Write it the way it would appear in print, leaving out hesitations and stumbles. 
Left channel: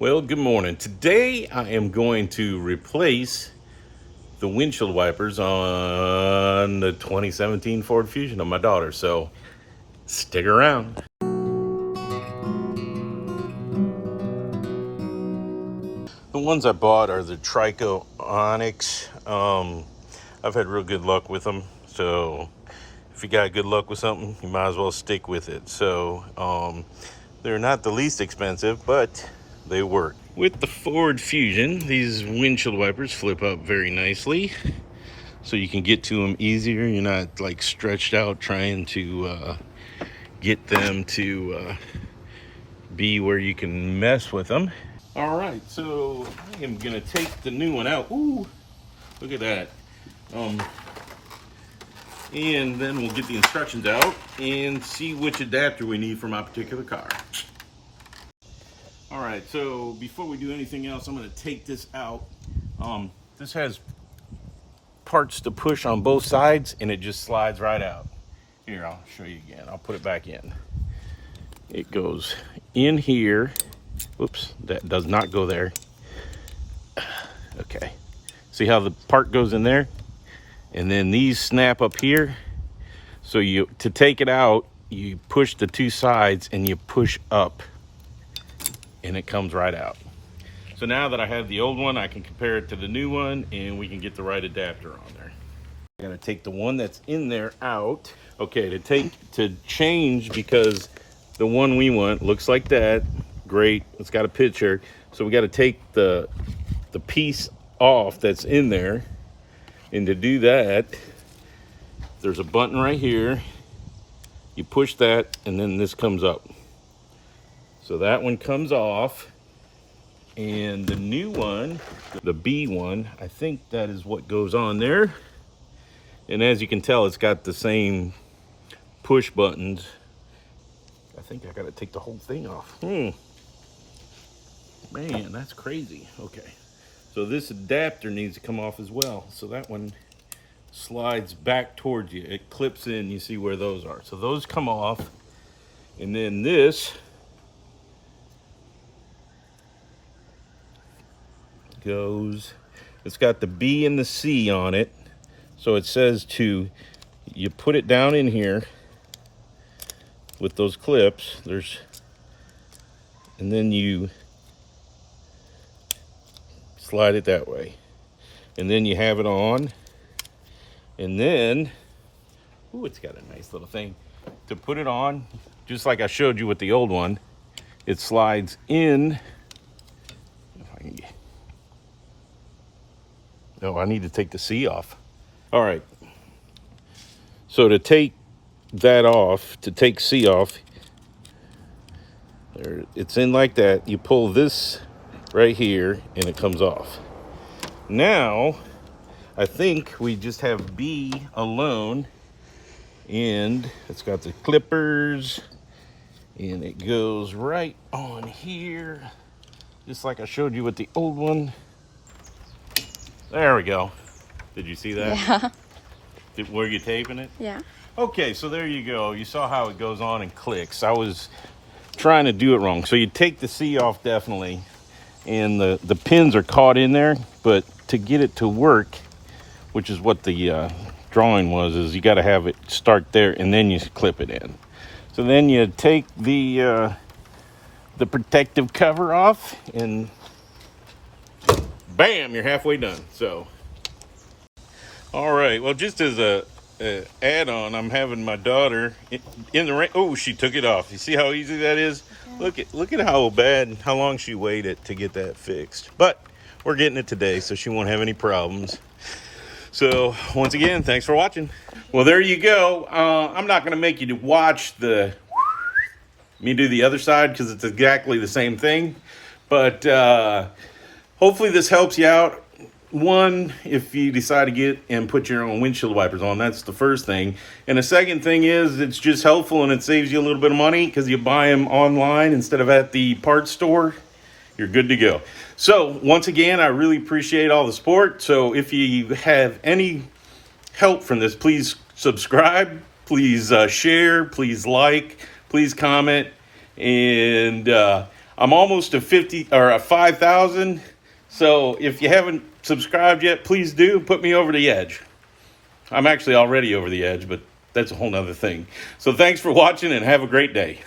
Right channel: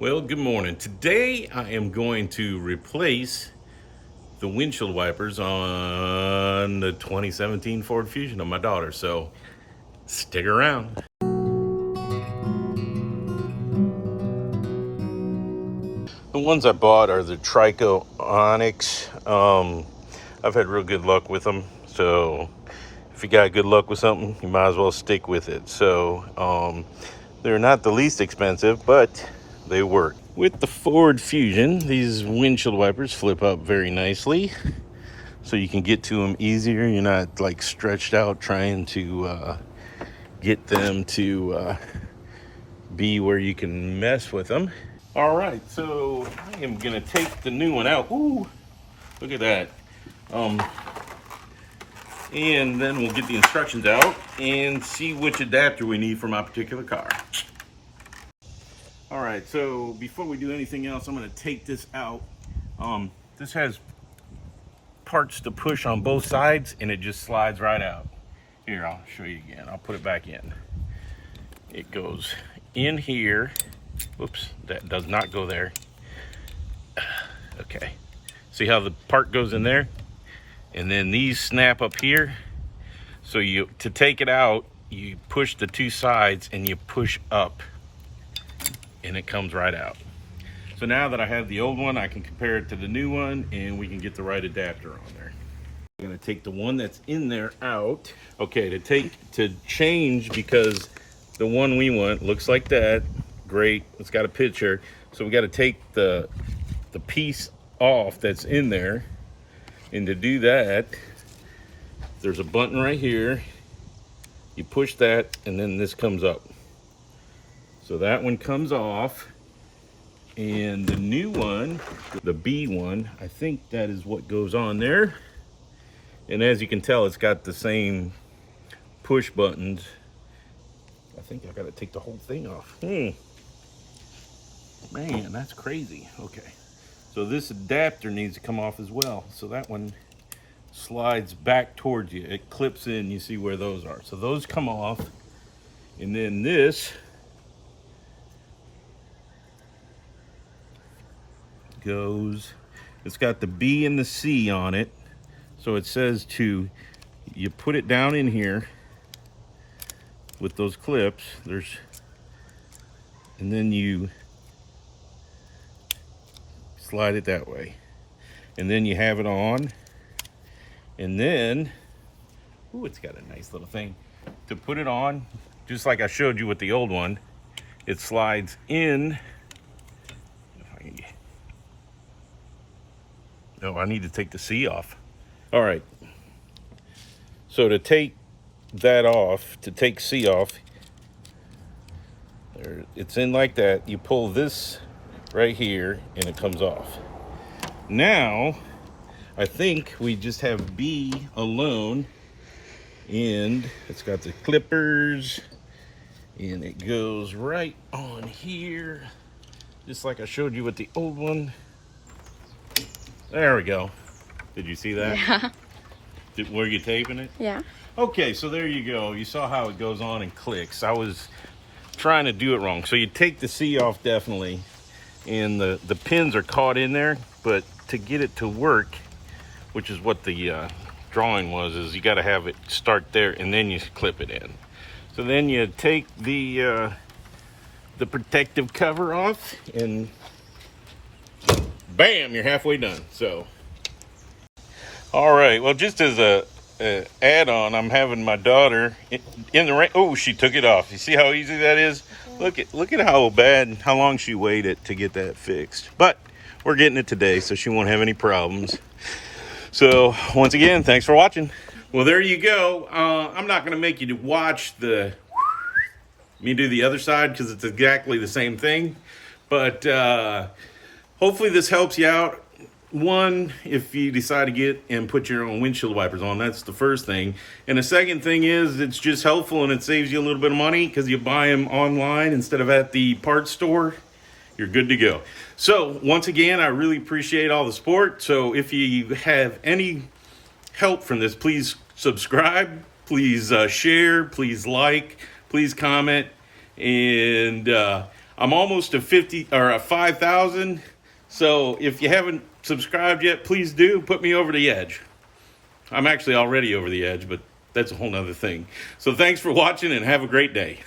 Well, good morning. Today I am going to replace the windshield wipers on the 2017 Ford Fusion of my daughter, so stick around. The ones I bought are the Trico Onyx. I've had real good luck with them, so if you got good luck with something, you might as well stick with it. So they're not the least expensive, but they work. With the Ford Fusion, these windshield wipers flip up very nicely, so you can get to them easier. You're not like stretched out trying to get them to be where you can mess with them. All right, so I am gonna take the new one out. Ooh, look at that. And then we'll get the instructions out and see which adapter we need for my particular car. All right, so before we do anything else, I'm gonna take this out. This has parts to push on both sides and it just slides right out. Here, I'll show you again. I'll put it back in. It goes in here. Oops, that does not go there. Okay, see how the part goes in there? And then these snap up here. So to take it out, you push the two sides and you push up and it comes right out. So now that I have the old one, I can compare it to the new one and we can get the right adapter on there. I'm gonna take the one that's in there out. Okay, to change, because the one we want looks like that. Great, it's got a picture. So we gotta take the piece off that's in there. And to do that, there's a button right here. You push that and then this comes up. So that one comes off. And the new one, the B one, I think that is what goes on there. And as you can tell, it's got the same push buttons. I think I gotta take the whole thing off. Man, that's crazy. Okay, so this adapter needs to come off as well. So that one slides back towards you. It clips in, you see where those are. So those come off. And then this goes, it's got the B and the C on it. So it says you put it down in here with those clips. And then you slide it that way. And then you have it on. And then, ooh, it's got a nice little thing. To put it on, just like I showed you with the old one, it slides in. Oh, I need to take the C off. All right. So to take that off, to take C off, there, it's in like that. You pull this right here and it comes off. Now, I think we just have B alone, and it's got the clippers and it goes right on here, just like I showed you with the old one. There we go. Did you see that? Yeah. Were you taping it? Yeah. Okay, so there you go. You saw how it goes on and clicks. I was trying to do it wrong. So you take the C off definitely, and the pins are caught in there, but to get it to work, which is what the drawing was, is you got to have it start there and then you clip it in. So then you take the protective cover off and bam, you're halfway done. So, all right, well, just as a add-on, I'm having my daughter in the rain. Oh, she took it off. You see how easy that is? Look at how long she waited to get that fixed. But we're getting it today, so she won't have any problems. So once again, thanks for watching. Well, there you go. I'm not going to make you to watch me do the other side, because it's exactly the same thing. But hopefully this helps you out. One, if you decide to get and put your own windshield wipers on, that's the first thing. And the second thing is, it's just helpful and it saves you a little bit of money, because you buy them online instead of at the parts store. You're good to go. So once again, I really appreciate all the support. So if you have any help from this, please subscribe, please share, please like, please comment, and I'm almost to 50 or 5,000. So if you haven't subscribed yet, please do. Put me over the edge. I'm actually already over the edge, but that's a whole nother thing. So thanks for watching and have a great day.